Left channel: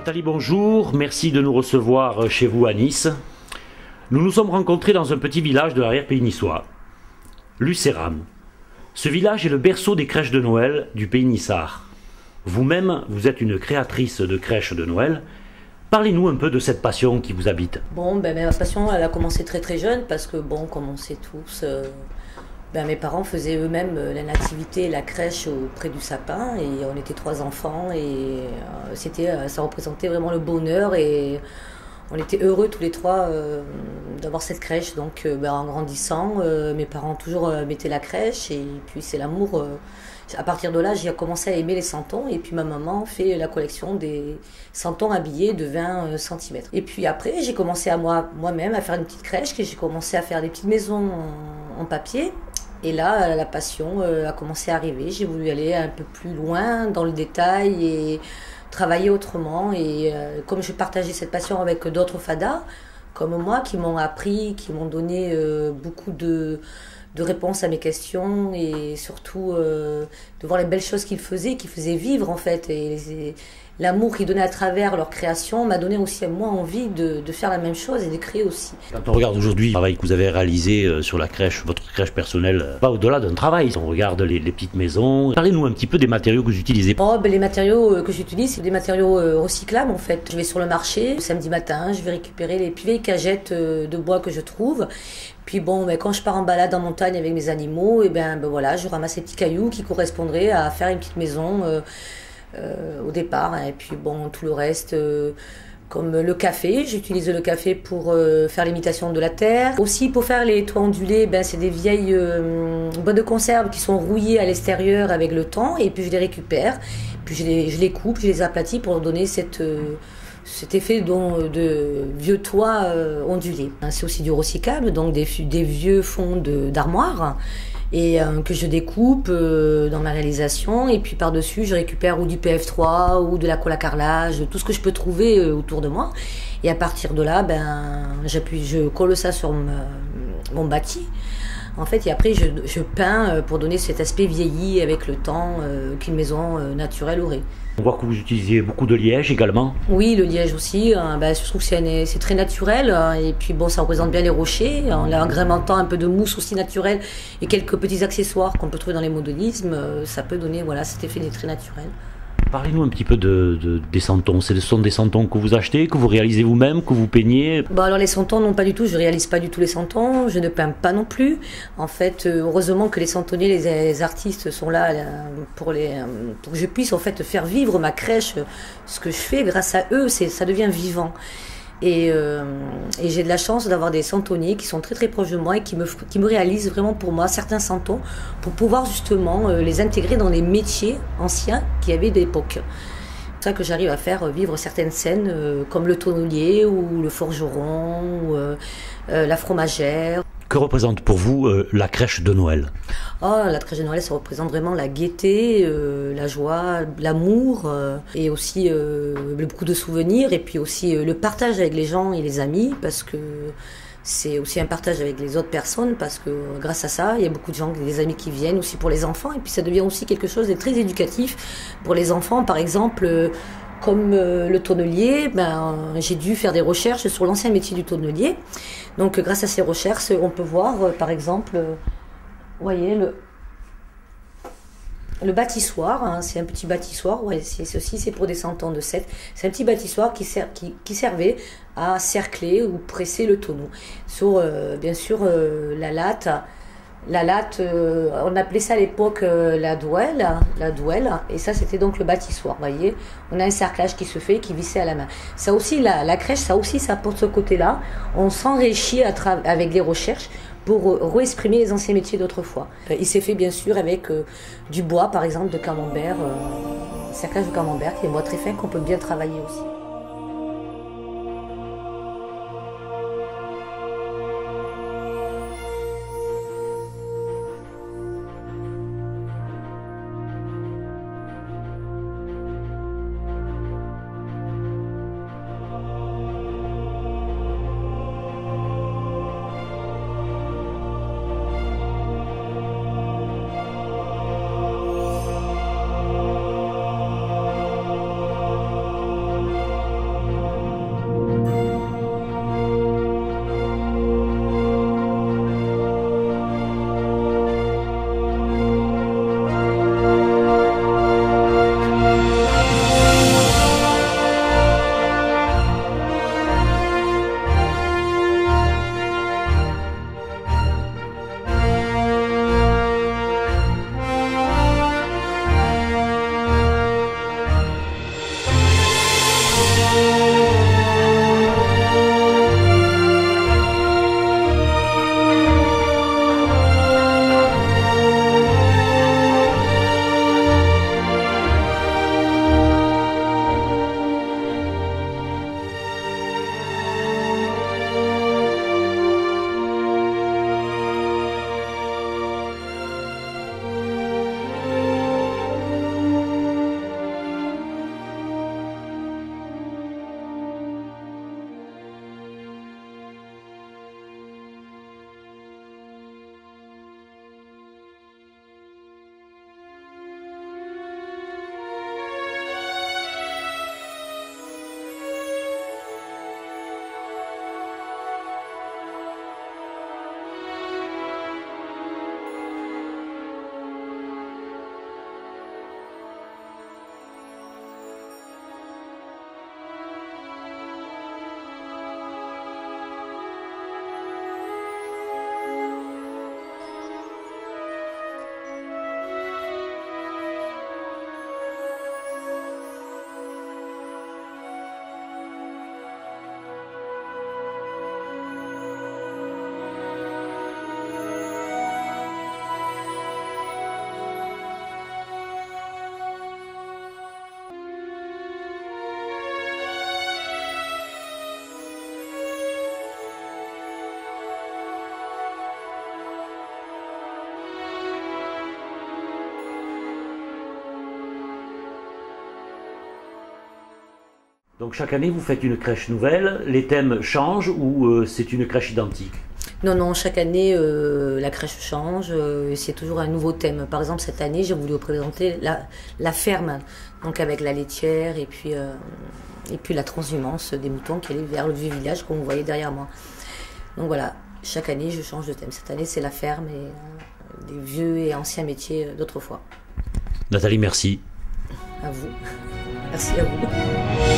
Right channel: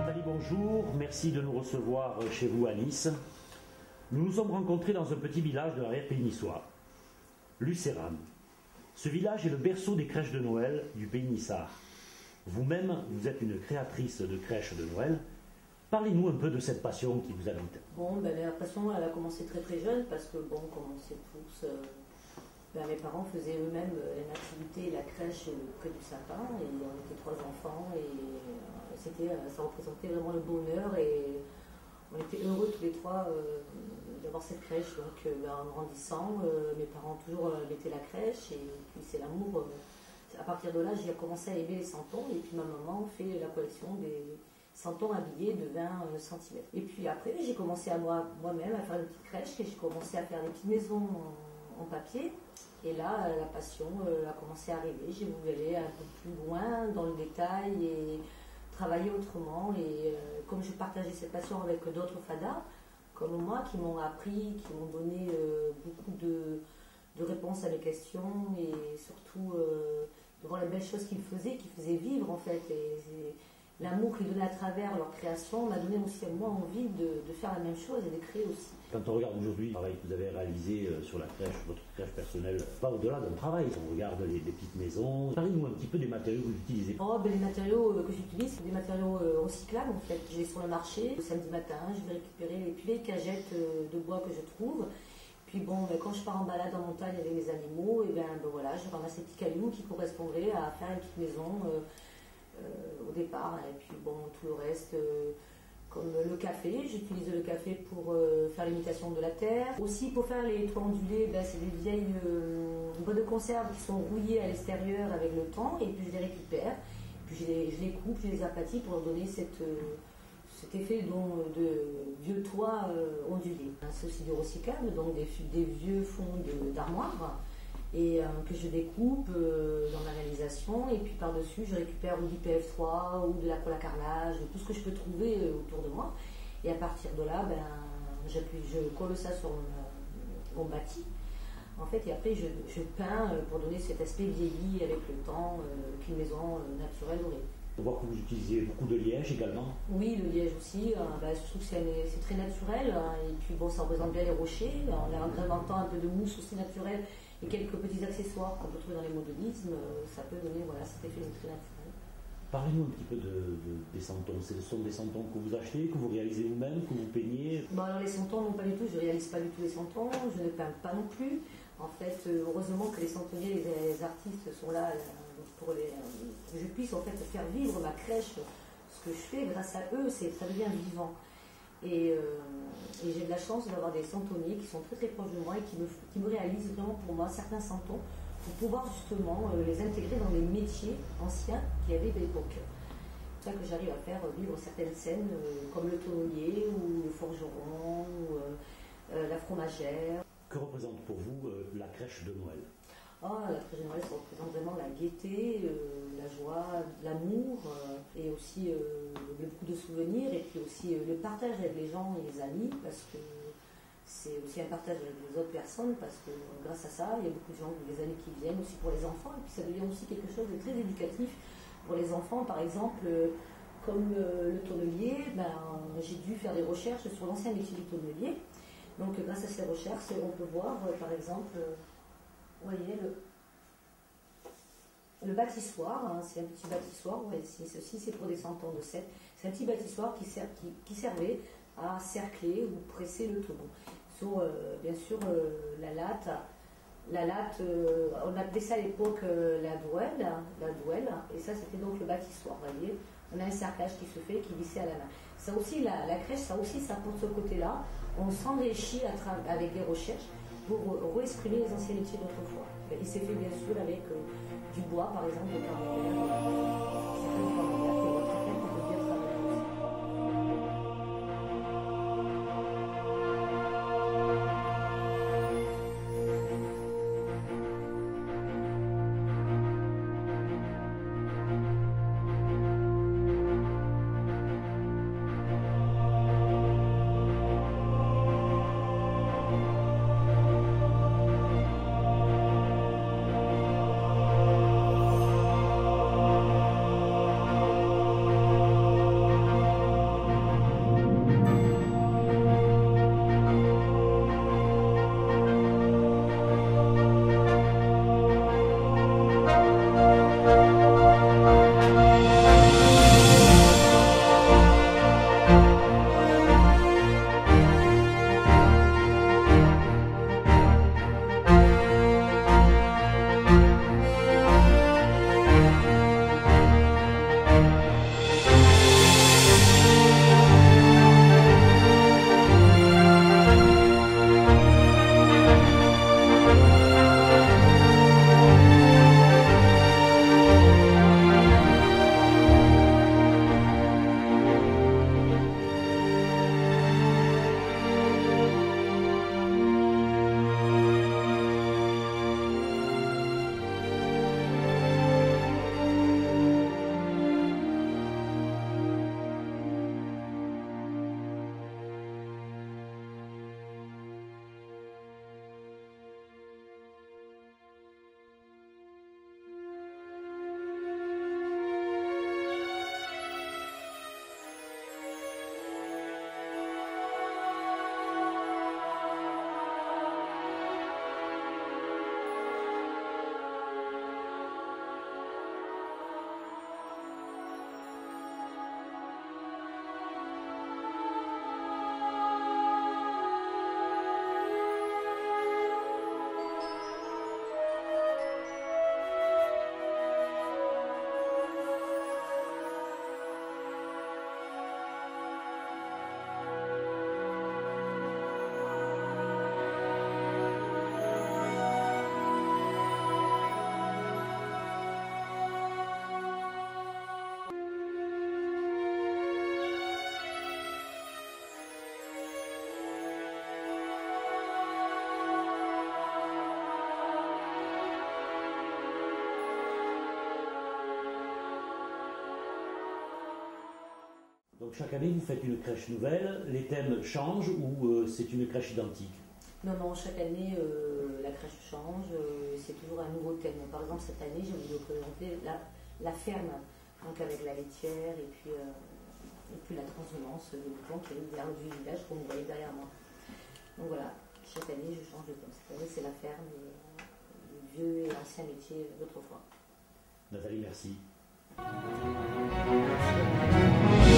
Nathalie, bonjour. Merci de nous recevoir chez vous à Nice. Nous nous sommes rencontrés dans un petit village de l'arrière-pays niçois, Lucéram. Ce village est le berceau des crèches de Noël du pays niçard. Vous-même, vous êtes une créatrice de crèches de Noël. Parlez-nous un peu de cette passion qui vous habite. Ma passion, elle a commencé très très jeune parce que, comme on sait tous, mes parents faisaient eux-mêmes la nativité et la crèche auprès du sapin et on était 3 enfants et ça représentait vraiment le bonheur et on était heureux tous les 3 d'avoir cette crèche. Donc en grandissant, mes parents toujours mettaient la crèche et puis c'est l'amour. À partir de là, j'ai commencé à aimer les santons et puis ma maman fait la collection des santons habillés de 20 cm. Et puis après, j'ai commencé à moi-même à faire une petite crèche, j'ai commencé à faire des petites maisons en papier. Et là, la passion a commencé à arriver. J'ai voulu aller un peu plus loin dans le détail et travailler autrement. Et comme je partageais cette passion avec d'autres fadas, comme moi, qui m'ont appris, qui m'ont donné beaucoup de réponses à mes questions et surtout de voir les belles choses qu'ils faisaient vivre en fait. Et l'amour qu'ils donnaient à travers leur création m'a donné aussi à moi envie de faire la même chose et de créer aussi. Quand on regarde aujourd'hui le travail que vous avez réalisé sur la crèche, votre crèche personnelle, pas au-delà d'un travail. On regarde les petites maisons. Parlez-nous un petit peu des matériaux que vous utilisez. Les matériaux que j'utilise, c'est des matériaux recyclables en fait. Je vais sur le marché le samedi matin, je vais récupérer les plus vieilles cagettes de bois que je trouve. Puis quand je pars en balade en montagne avec mes animaux, je ramasse ces petits cailloux qui correspondraient à faire une petite maison au départ. Et puis tout le reste, comme le café, j'utilise le café pour faire l'imitation de la terre. Aussi pour faire les toits ondulés, c'est des vieilles boîtes de conserve qui sont rouillées à l'extérieur avec le temps. Et puis je les récupère, puis je les coupe, je les aplatis pour donner cet effet de vieux toits ondulés. C'est aussi du recyclable, donc des vieux fonds d'armoire et que je découpe dans ma réalisation. Et puis par-dessus, je récupère ou du PF3 ou de la colle à carrelage, tout ce que je peux trouver autour de moi. Et à partir de là, je colle ça sur mon bâti. En fait, et après, je peins pour donner cet aspect vieilli avec le temps qu'une maison naturelle aurait. On voit que vous utilisez beaucoup de liège également. Oui, le liège aussi. Je trouve que c'est très naturel. Et puis ça représente bien les rochers. En agrémentant un peu de mousse aussi naturelle et quelques petits accessoires qu'on peut trouver dans les modélismes, ça peut donner cet effet très naturel. Parlez-nous un petit peu des santons. Ce sont des santons que vous achetez, que vous réalisez vous-même, que vous peignez? Alors les santons, non pas du tout. Je ne réalise pas du tout les santons. Je ne peins pas non plus. En fait, heureusement que les santonniers, les artistes sont là pour que je puisse en fait faire vivre ma crèche. Ce que je fais, grâce à eux, ça devient vivant. Et j'ai de la chance d'avoir des santonniers qui sont très très proches de moi et qui me réalisent vraiment pour moi certains santons pour pouvoir justement les intégrer dans les métiers anciens qu'il y avait d'époque. C'est pour ça que j'arrive à faire vivre certaines scènes comme le tonnelier ou le forgeron ou la fromagère. Que représente pour vous la crèche de Noël? La crèche de Noël, ça représente vraiment la gaieté, la joie, l'amour et aussi beaucoup de souvenirs et puis aussi le partage avec les gens et les amis parce que c'est aussi un partage avec les autres personnes parce que grâce à ça, il y a beaucoup de gens, des amis qui viennent aussi pour les enfants et puis ça devient aussi quelque chose de très éducatif pour les enfants. Par exemple, comme le tonnelier, j'ai dû faire des recherches sur l'ancien métier du tonnelier. Donc grâce à ces recherches, on peut voir par exemple, vous voyez le bâtissoir, c'est un petit bâtissoir, ceci c'est pour des santons de 7. C'est un petit bâtissoir qui servait à cercler ou presser le tonneau. Sur bien sûr la latte, on appelait ça à l'époque la douelle, et ça c'était donc le bâtissoir, vous voyez. On a un cerclage qui se fait, qui vissait à la main. Ça aussi, la crèche, ça apporte ce côté-là. On s'enrichit avec les recherches pour réexprimer les anciens métiers d'autrefois. Il s'est fait bien sûr avec du bois, par exemple, de camembert, cerclage de camembert, qui est un bois très fin qu'on peut bien travailler aussi. Donc chaque année, vous faites une crèche nouvelle, les thèmes changent ou c'est une crèche identique? Non, non, chaque année, la crèche change, c'est toujours un nouveau thème. Par exemple, cette année, j'ai voulu représenter la ferme, donc avec la laitière et puis la transhumance des moutons qui allaient vers le vieux village, comme vous voyez derrière moi. Donc voilà, chaque année, je change de thème. Cette année, c'est la ferme et les vieux et anciens métiers d'autrefois. Nathalie, merci. À vous. Merci à vous.